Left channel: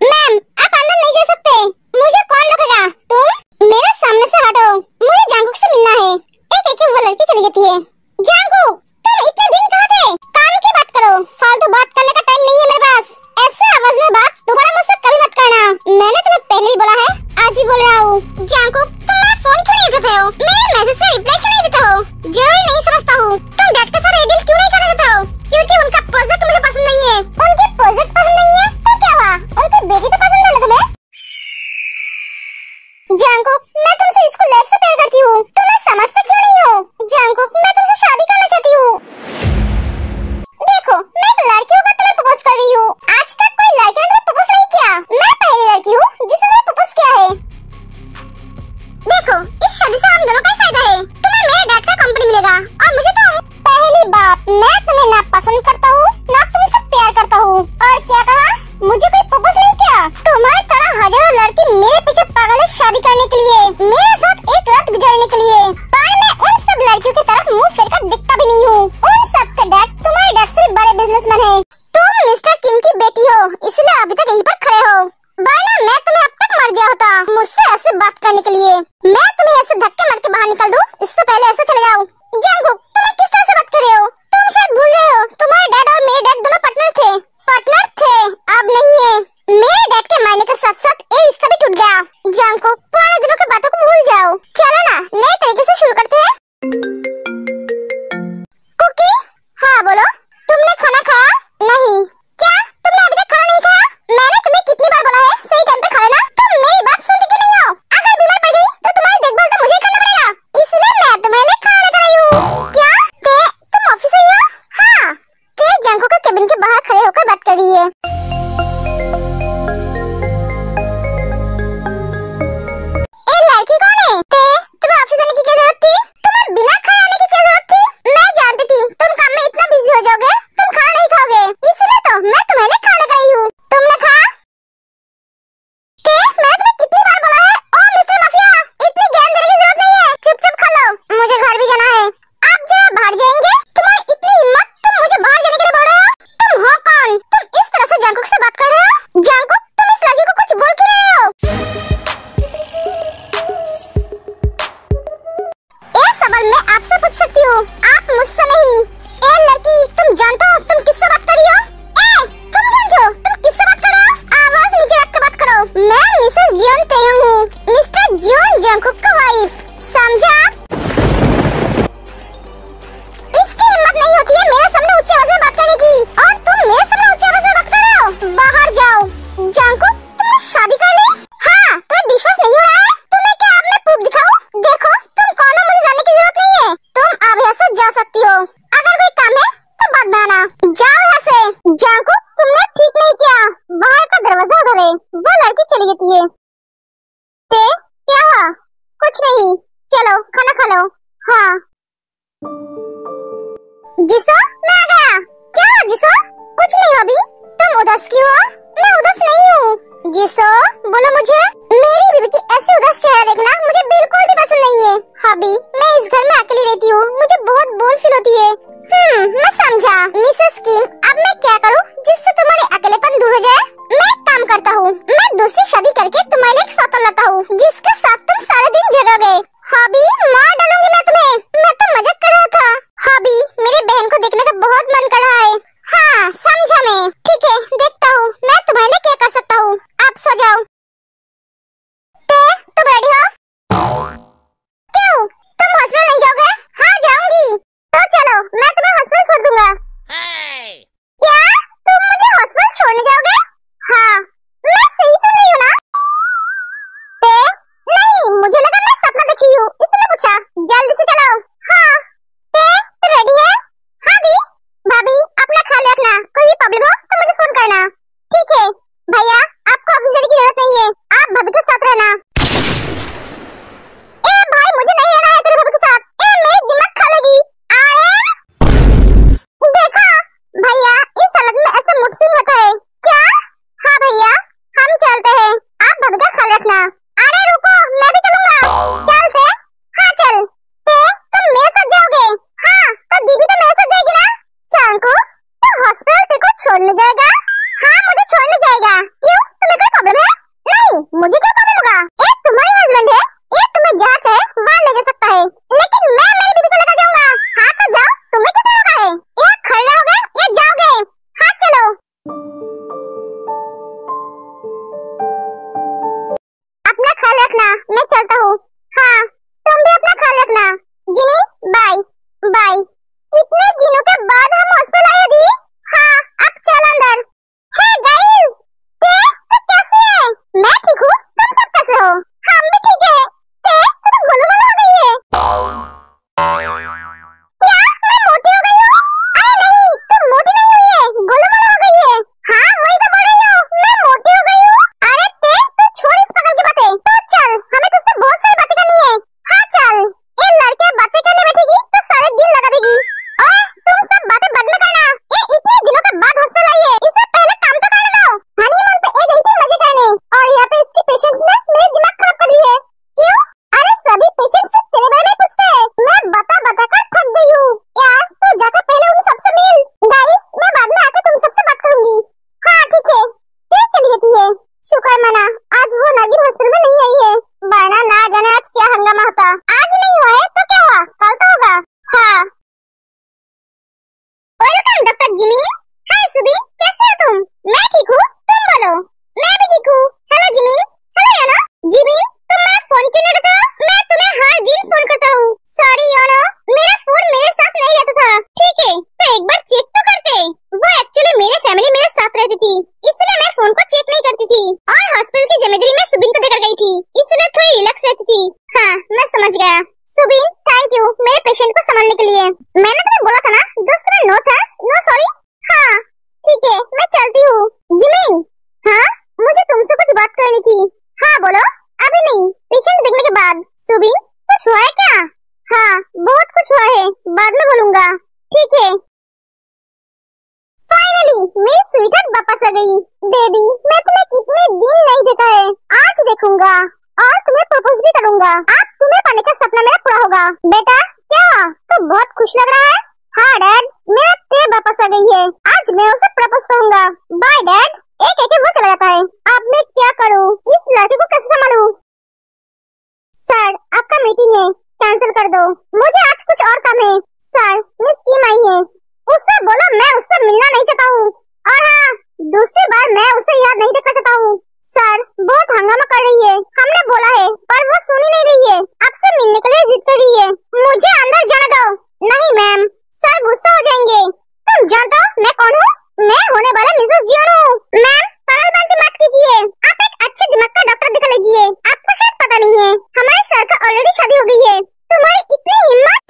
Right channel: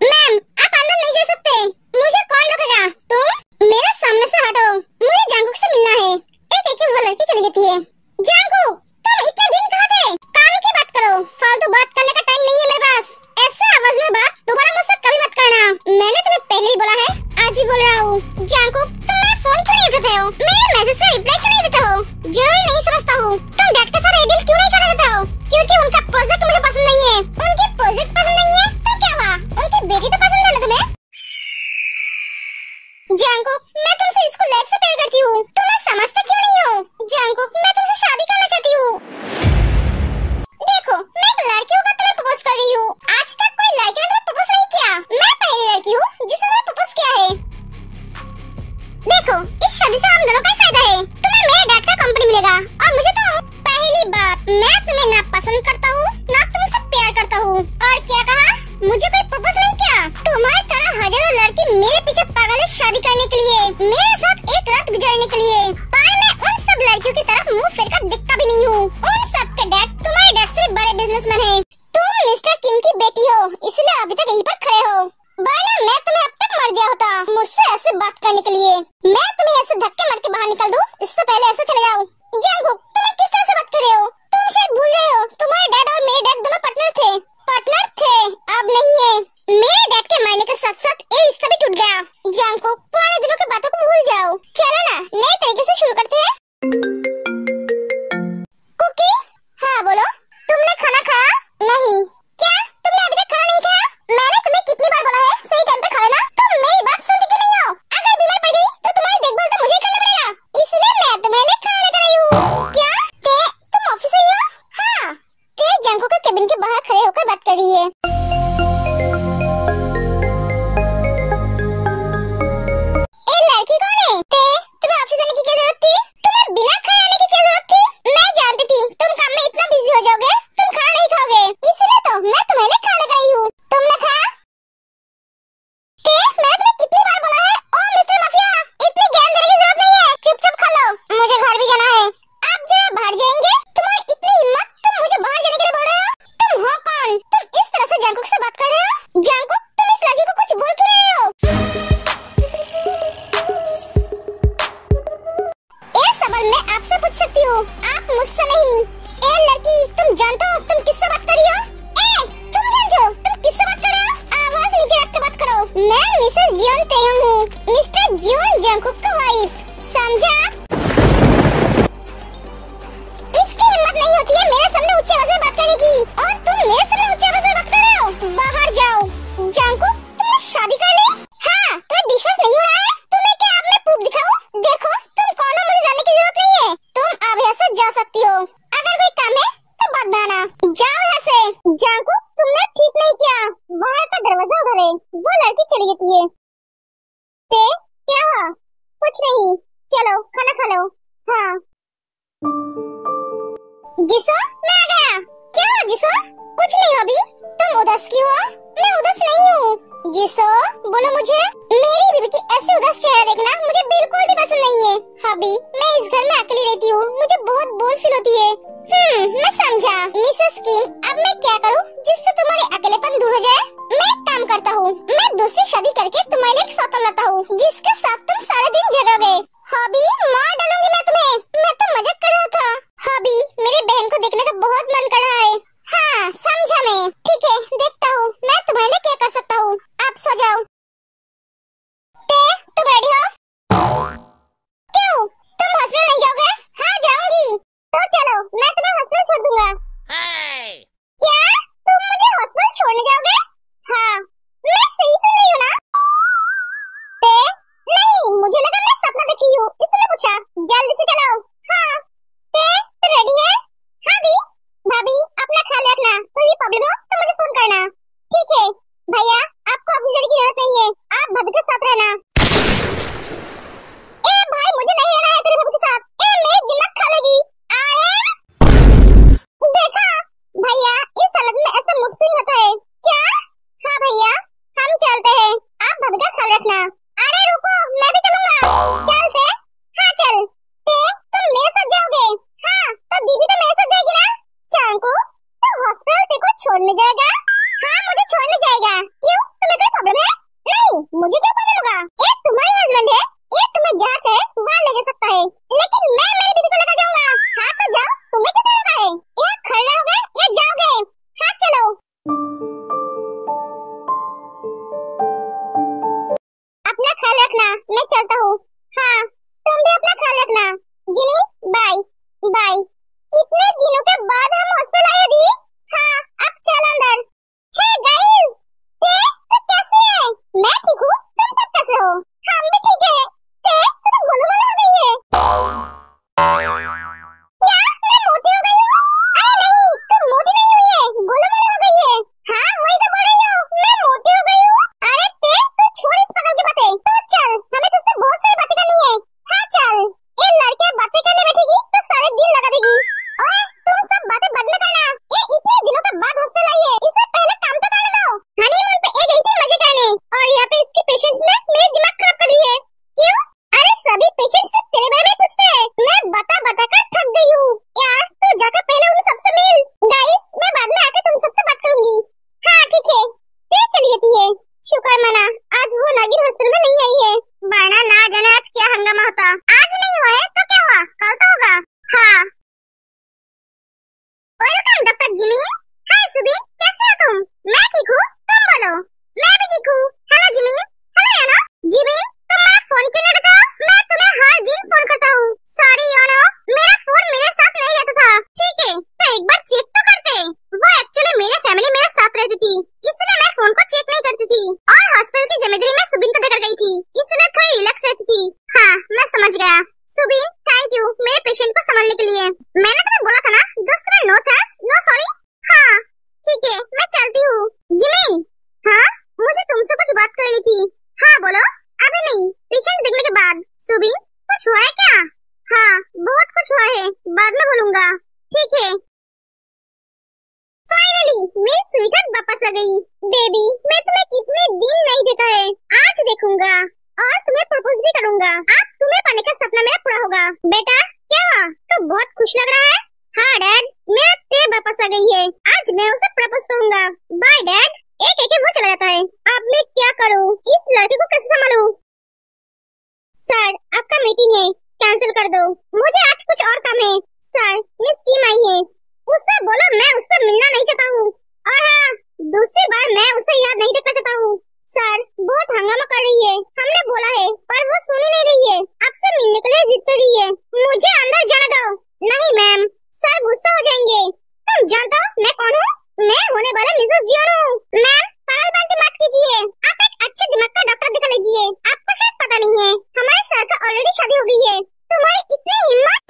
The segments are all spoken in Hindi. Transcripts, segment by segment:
मैम, आप अंदर नहीं जा सकते। मुझे कौन रोकेगा? तुम मेरे सामने से हटो। मुझे जांगकुक से मिलना है। एक एक वो लड़की चली जाती है। जांगकुक, तुम इतने दिन कहाँ थे? काम की बात करो, फालतू बात करने का टाइम नहीं है मेरे पास। ऐसे आवाज में बात दोबारा मुझसे कभी मत करना। मैंने तुम्हें पहले भी बोला है, आज भी बोल रहा हूँ। जांगकुक, तुम मेरा फोन क्यों नहीं उठाते हो? मेरे मैसेज से रिप्लाई क्यों नहीं देते हो? जरूरी नहीं समझता हूँ। तुम डैड के साथ डील क्यों नहीं कर देते हो? क्योंकि उनका प्रोजेक्ट मुझे पसंद नहीं है। उनके प्रोजेक्ट पसंद नहीं है तो क्या हुआ? उनकी बेटी तो पसंद है ना तुम्हें? जांगकुक, मैं तुमसे इसको लाइफ से प्यार करती हूँ। तुम्हें समझते क्यों नहीं हो? जांगकुक, मैं तुमसे शादी करना चाहती हूँ। देखो, मैं एक लड़की होकर तुम्हें प्रपोज कर रही हूँ। आज तक कोई लड़की ने तुम्हें प्रपोज नहीं किया। मैं पहली लड़की हूँ जिसने तुम्हें प्रपोज किया है। देखो, इस शादी से हम दोनों का ही फायदा है। तुम्हें मेरे डैड का कंपनी मिलेगा और मुझे तो पहली बात, मैं तुम्हें ना पसंद करता हूँ ना तुमसे प्यार करता हूँ। और क्या कहा? मुझे कोई प्रपोज नहीं किया। तुम्हारी तरह हजारों लड़की मेरे पीछे पागल है शादी करने के लिए, मेरे साथ एक रात गुजारने के लिए। पर मैं उन सब लड़कियों की तरफ मुंह फेर कर दिखता भी नहीं हूँ। उन सब के डैड तुम्हारे डैड से भी बड़े बिजनेसमैन हैं। तुम मिस्टर किम की बेटी हो, इसलिए अभी तक यहीं पर खड़े हो। वरना मैं तुम्हें अब तक मर गया होता मुझसे ऐसे बात करने के लिए। मैं तुम्हें ऐसे धक्के मार के बाहर निकल दूं, इससे पहले ऐसे चले जाओ। जांगकुक, तुम्हें किस तरह से बात कर रहे हो? तुम शायद भूल रहे हो, तुम्हारे डैड और मेरे डैड दोनों पार्टनर थे। पार्टनर थे, अब नहीं है। मेरे डैड के मरने के साथ साथ ये रिश्ता भी टूट गया। जांगकुक, पुराने दिनों की बातों को भूल जाओ। चलो ना, नए तरीके से शुरू करते हैं। कुकी, हाँ बोलो, तुमने खाना खाया? नहीं। क्या तुमने अभी तक खाना नहीं खाया? मैंने तुम्हें कितनी बार बोला है सही टाइम पे खा लेना। तुम मेरी बात सुनती क्यों नहीं हो? अगर बीमार पड़ गई तो तुम्हारी देखभाल तो मुझे ही करना पड़ेगा, इसलिए मैं तुम्हारे लिए खाना लेकर आई हूँ। क्या तुम ऑफिस आई हो? हाँ, जांगकुक के केबिन के बाहर खड़े होकर बात कर रही है। ए लड़की कौन है? तुम्हें ऑफिस आने की क्या जरूरत थी? तुम्हें बिना खाए आने की क्या जरूरत थी? मैं जानती थी तुम काम में इतना बिजी हो जाओगे, तुम खाना नहीं खाओगे, इसलिए तो मैं तुम्हारे लिए खाना लेकर आई हूँ। तुमने खाया? मैंने तुम्हें कितनी बार बोला है, ओ मिस्टर माफिया, इतनी ज्ञान देने की जरूरत नहीं है, चुपचाप खा लो। मुझे घर भी जाना है। आप जरा बाहर जाएंगे? तुम्हारी इतनी हिम्मत, तुम मुझे बाहर जाने के लिए बोल रहे हो? तुम हो कौन? तुम इस तरह से जांगकुक से बात कर रहे हो? जांगकुक, तुम इस लड़की को कुछ बोल क्यों रहे हो? ये सवाल मैं आपसे पूछ सकती हूँ, आप मुझसे नहीं। ए लड़की, तुम जानते हो तुम किससे बात कर रही हो? तुम जानते हो तुम किससे बात कर रहे हो? आवाज नीचे रख कर बात करो। मैं मिसेस जियोन तेयंग हूँ, मिस्टर जियोन जांगकुक का वाइफ, समझा? इसकी हिम्मत नहीं होती है मेरे सामने ऊंची आवाज में बात करने की, और तुम मेरे सामने ऊंची आवाज में बात कर रहे हो। बाहर जाओ। जांगकुक, तुमने शादी कर ली? हाँ, तुम्हें विश्वास नहीं हो रहा है? तुम्हें क्या अब मैं प्रूफ दिखाऊं? देखो, तुम कौन हो मुझे जानने की जरूरत नहीं है। तुम अब यहाँ से जा सकती हो। अगर कोई काम है तो बात बनाना। जाओ यहाँ से। जांगकुक, तुमने ठीक नहीं किया। बाहर का दरवाजा उधर है। वो लड़की चली जाती है। क्या हुआ? कुछ नहीं, चलो खाना खा लो। हाँ। जिसो, मैं आ गया। क्या हुआ जिसो? कुछ नहीं हबी, तुम उदास क्यों हो? मैं उदास नहीं हूँ। जिसो, बोलो मुझे। मेरी बीवी की ऐसे उदास चेहरा देखना मुझे बिल्कुल भी पसंद नहीं है। हबी, मैं इस घर में अकेली रहती हूँ, मुझे बहुत बोर फील होती है। मैं समझा। मिसेस किम, अब मैं क्या करूँ जिससे तुम्हारे अकेलेपन दूर हो जाए? मैं एक काम करता हूँ, मैं दूसरी शादी करके तुम्हारे लिए एक सौतन लाता हूँ, जिसके साथ तुम सारे दिन जगोगे। हॉबी, मार डालूंगी मैं तुम्हें। मैं तो मजाक कर रहा था। हॉबी, मेरी बहन को देखने का बहुत मन कर रहा है। हाँ, समझा मैं। ठीक है, देखता हूँ मैं तुम्हारे लिए क्या कर सकता हूँ। आप सो जाओ। तुम रेडी हो? क्यों, तुम हॉस्पिटल नहीं जाओगे? हाँ, जाऊंगी। तो चलो, मैं तुम्हें हॉस्पिटल छोड़ दूंगा। क्या तुम मुझे हॉस्पिटल छोड़ने जाओगे? हाँ, मैं सही सुन रही हूँ ना? नहीं, मुझे लगा मैं सपना देख रही हूँ, इसलिए पूछा। जल्दी से चलो। हाँ। तो रेडी है? हाँ दी। भाभी, अपना ख्याल रखना, कोई भी प्रॉब्लम हो तो मुझे फोन करना। ठीक है भैया, आपको ऑफिस जाने की जरूरत नहीं है, आप भाभी के साथ रहना। छोड़ने जाएगा? हाँ मुझे छोड़ने जाएगा। क्यों, तुम्हें कोई प्रॉब्लम है? नहीं, मुझे क्या प्रॉब्लम होगा? ये तुम्हारी हस्बैंड है, ये तुम्हें जहाँ चाहे वहाँ ले जा सकता है, लेकिन मैं मेरी बीवी को लेकर जाऊंगा। हाँ तो जाओ, तुम्हें किसने रोका है? यहाँ खड़े रहोगे या जाओगे? हाँ चलो। अपना ख्याल रखना, मैं चलता हूँ। हाँ तुम भी अपना ख्याल रखना। Jimmy bye bye. कितने दिनों के बाद हम हॉस्पिटल आए दी। हाँ अब चल अंदर। हे गाइस, तो कैसे है? मैं ठीक हूँ, तुम सब कैसे हो? हम भी ठीक है। तो गोलूमोलू हो गई है। क्या मैं मोटी हो गई हूँ? अरे नहीं, तुम मोटी नहीं हुई है, गोलूमोलू हो गई है। हाँ वही तो बोल रही हूँ, मैं मोटी हो गई हूँ। अरे तू छोड़ इस पागल की बातें, तो चल हमें तुझसे बहुत सारी बातें करनी है। हाँ चल, ये लड़के बातें करने बैठेगी तो सारे दिन लगा देगी। और तुम सब बातें बाद में करना, ये इतने दिनों के बाद हॉस्पिटल आई है, इससे पहले काम तो करने दो। हनीमून पे एक गई थी मजे करने, और यहाँ पे इसके पेशेंट्स ने मेरे दिमाग खराब कर दिया है। क्यों? अरे सभी पेशेंट्स से तेरे बारे में पूछते हैं, मैं बता बता कर थक गई हूँ। यार तू जाकर पहले उन सबसे मिल। गाइस मैं बाद में आकर तुम सबसे बात करूंगी। हाँ ठीक है, फिर चली जाती है। शुक्र मना आज वो नागिन हॉस्पिटल में नहीं आई है, वरना ना जाने आज क्या हंगामा होता। आज नहीं हुआ है तो क्या हुआ, कल तो होगा। हाँ वेलकम डॉक्टर जिमी। हाय सुबी, कैसे हो तुम? मैं ठीक हूँ, तुम बोलो। मैं भी ठीक हूँ। Hello Jimin. हेलो यानो। जिमिन तुम मेरा फोन क्यों नहीं उठाते हो? मैं तुम्हें हर दिन फोन करता हूँ। सॉरी यानो, मेरा फोन मेरे साथ नहीं रहता था। ठीक है तो एक बार चेक तो करते। वो एक्चुअली मेरे फैमिली मेरे साथ रहती थी, इसलिए मैं फोन को चेक नहीं करती थी, और हॉस्पिटल की जिम्मेदारी मैं सुबिन को देकर गई थी, इसलिए थोड़ी रिलैक्स रहती थी। हाँ मैं समझ गया। सुबिन थैंक यू मेरे पेशेंट को संभालने के लिए। मैंने तुम्हें बोला था ना दोस्त में नो थैंक्स नो सॉरी। हाँ ठीक है मैं चलती हूँ। जिमिन। हाँ मुझे तुमसे कुछ बात करनी थी। हाँ बोलो। अभी नहीं, पेशेंट देखने के बाद। सुबिन कुछ हुआ है क्या? हाँ बहुत कुछ हुआ है, बाद में बोलूंगा। ठीक है। फाइनली मेरी स्वीटहार्ट वापस आ गई। बेबी मैं तुम्हें कितने दिन नहीं देखा है, आज देखूंगा और तुम्हें प्रपोज भी करूंगा। अब तुम्हें पाने का सपना मेरा पूरा होगा। बेटा क्या हुआ, तो बहुत खुश लग रहा है। हाँ डैड, मेरा ते वापस आ गई है, आज मैं उसे प्रपोज करूंगा। Bye dad. एक एक वो चला जाता है। अब मैं क्या करूँ, इस लड़के को कैसे संभालूं? सर आपका मीटिंग है, कैंसिल कर दो, मुझे आज कुछ और काम है। सर मिस कीम आई है, उससे बोलो मैं उससे मिलना नहीं चाहता हूँ, और हाँ दूसरी बार मैं उसे याद नहीं देखना चाहता हूँ। सर बहुत हंगामा कर रही है, हमने बोला है पर वो सुन ही नहीं रही है, आपसे मिलने के लिए जिद कर रही है। मुझे अंदर जाने दो। नहीं मैम, सर गुस्सा हो जाएंगे। तुम जानते हो मैं कौन हूँ? मैं होने वाला मिसेस जियोन हूँ। मैम पागलपंती मत कीजिए, आप एक अच्छे दिमाग का डॉक्टर दिखा लीजिए। आपको शायद पता नहीं है हमारे सर का ऑलरेडी शादी हो गई है। तुम्हारी इतनी हिम्मत,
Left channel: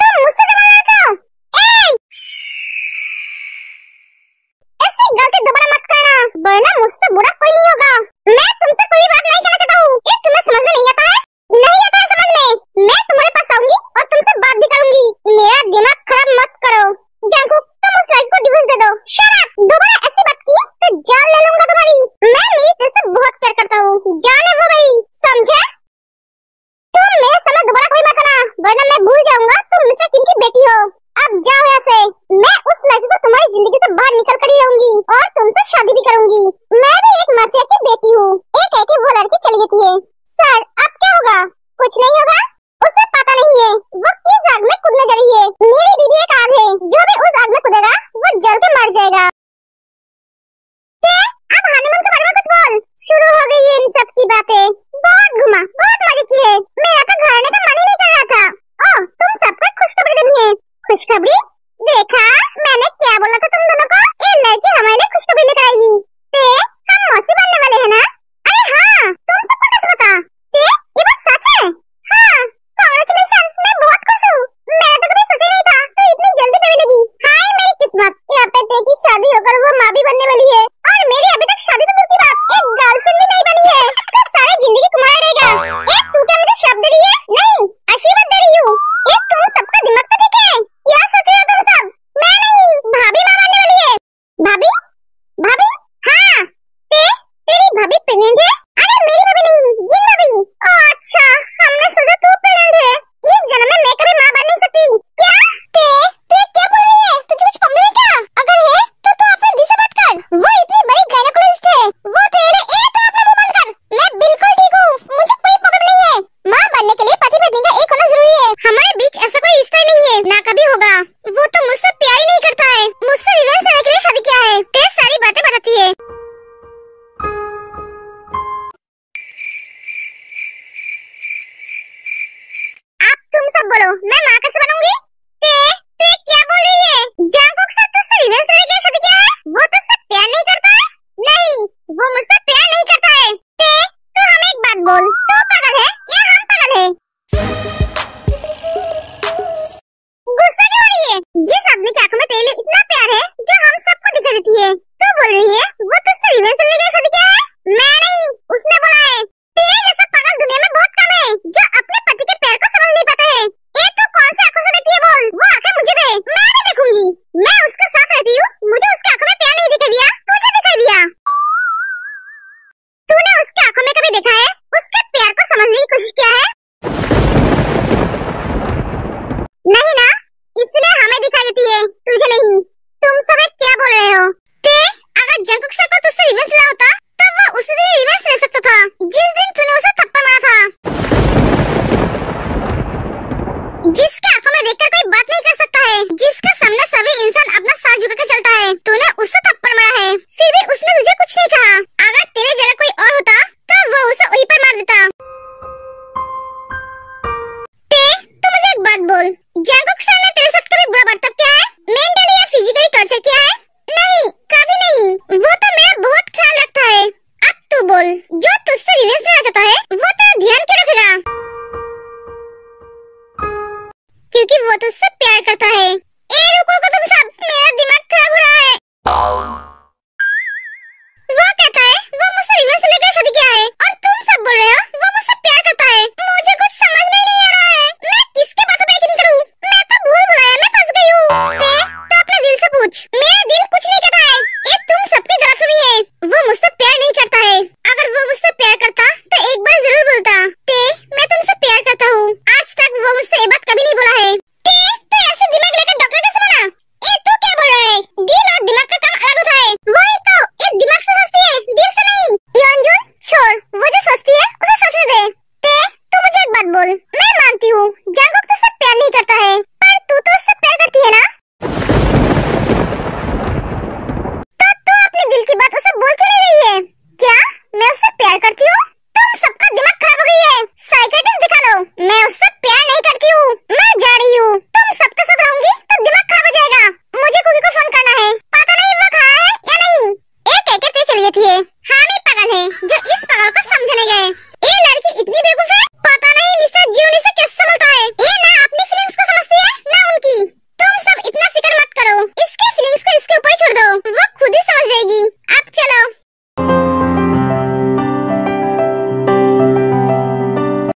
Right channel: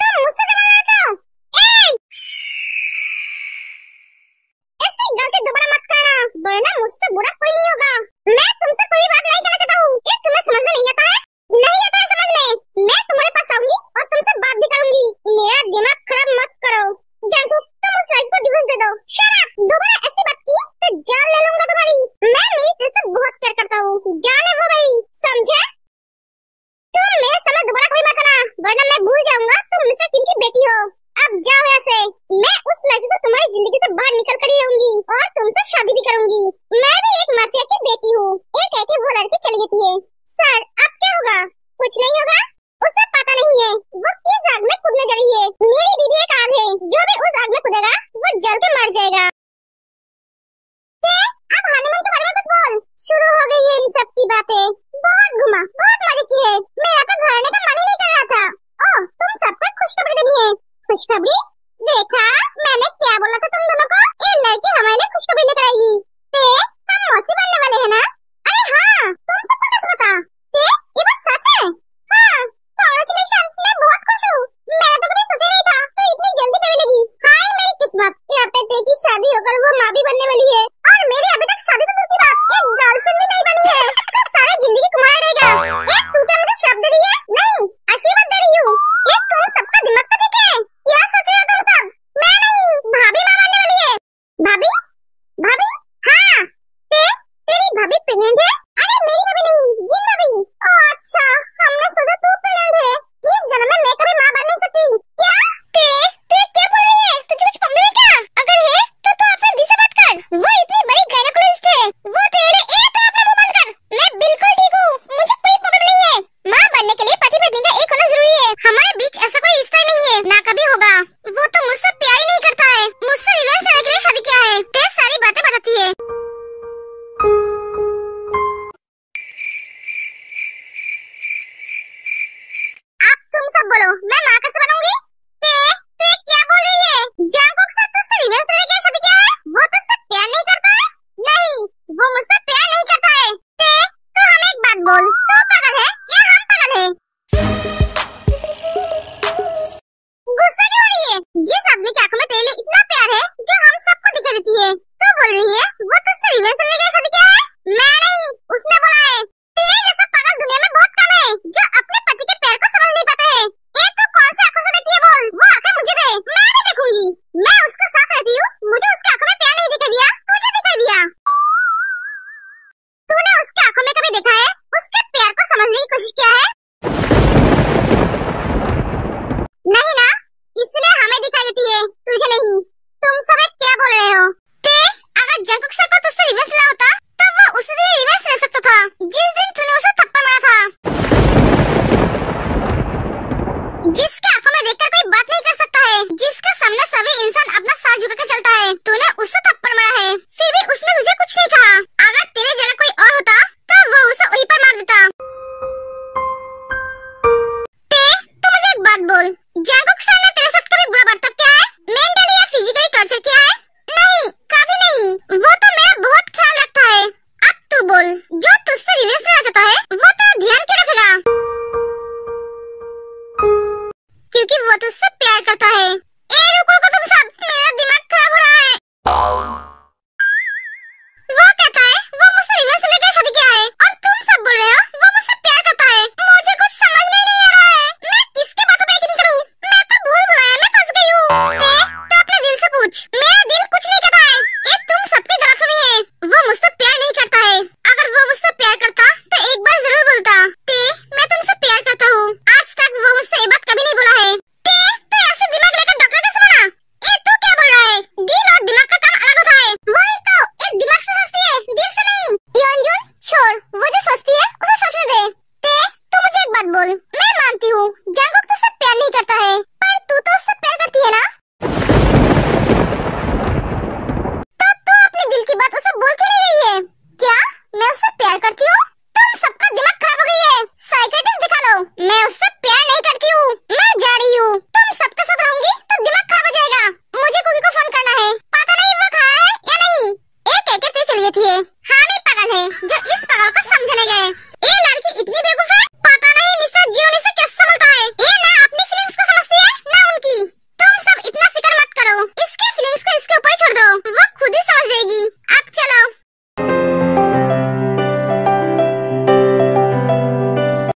तुम मुझसे दबा रहे हो? ऐसी गलती दोबारा मत करना, वरना मुझसे बुरा कोई नहीं होगा। मैं तुमसे कोई बात नहीं करना चाहता हूँ, ये तुम्हें समझ में नहीं आता है? नहीं आता है समझ में? मैं तुम्हारे पास आऊंगी और तुमसे बात भी करूंगी। मेरा दिमाग खराब मत करो। जंकुक तुम उस लड़की को डिवोर्स दे दो। शट अप, दोबारा ऐसी बात की तो जान ले लूंगा तुम्हारी। मैं मेरी दिल से बहुत प्यार करता हूँ, जान है वो मेरी, समझे? तुम मेरे सामने दोबारा कोई मत आना, वरना मैं भूल जाऊंगा तुम मिस्टर किम की बेटी हो। अब जाओ यहाँ से, मैं उस लड़की को तुम्हारी जिंदगी से बाहर निकल कर ही रहूंगी और तुमसे शादी भी करूंगी। मैं भी एक माफिया की बेटी हूँ। एक है कि वो लड़की चली जाती है। सर अब क्या होगा? कुछ नहीं होगा, उसे पता नहीं है वो किस आग में कूदने जा रही है। मेरी दीदी एक आग है, जो भी उस आग में कूदेगा वो जल के मर जाएगा। अब हनीमून के बारे में कुछ बोल। शुरू हो गई है इन सब की बातें, बहुत घुमा बहुत मजे किए, मेरा तो घर आने का मन ही नहीं कर रहा था। ओह तुम सबको खुशखबरी देनी है। खुशखबरी? देखा मैंने क्या बोला था तुम दोनों को, ये लड़की हमारे लिए खुशखबरी लेकर आएगी। हम मौसी बनने वाले हैं ना? अरे हाँ, तुम सबको कैसे पता? ये बात सच है? हाँ कांग्रेचुलेशन, मैं बहुत खुश हूँ। मैंने तो कभी सोचा नहीं था तो इतनी जल्दी पे मिलेगी। हाय मेरी किस्मत, यहाँ पे ते की शादी होकर वो माँ भी बनने वाली है।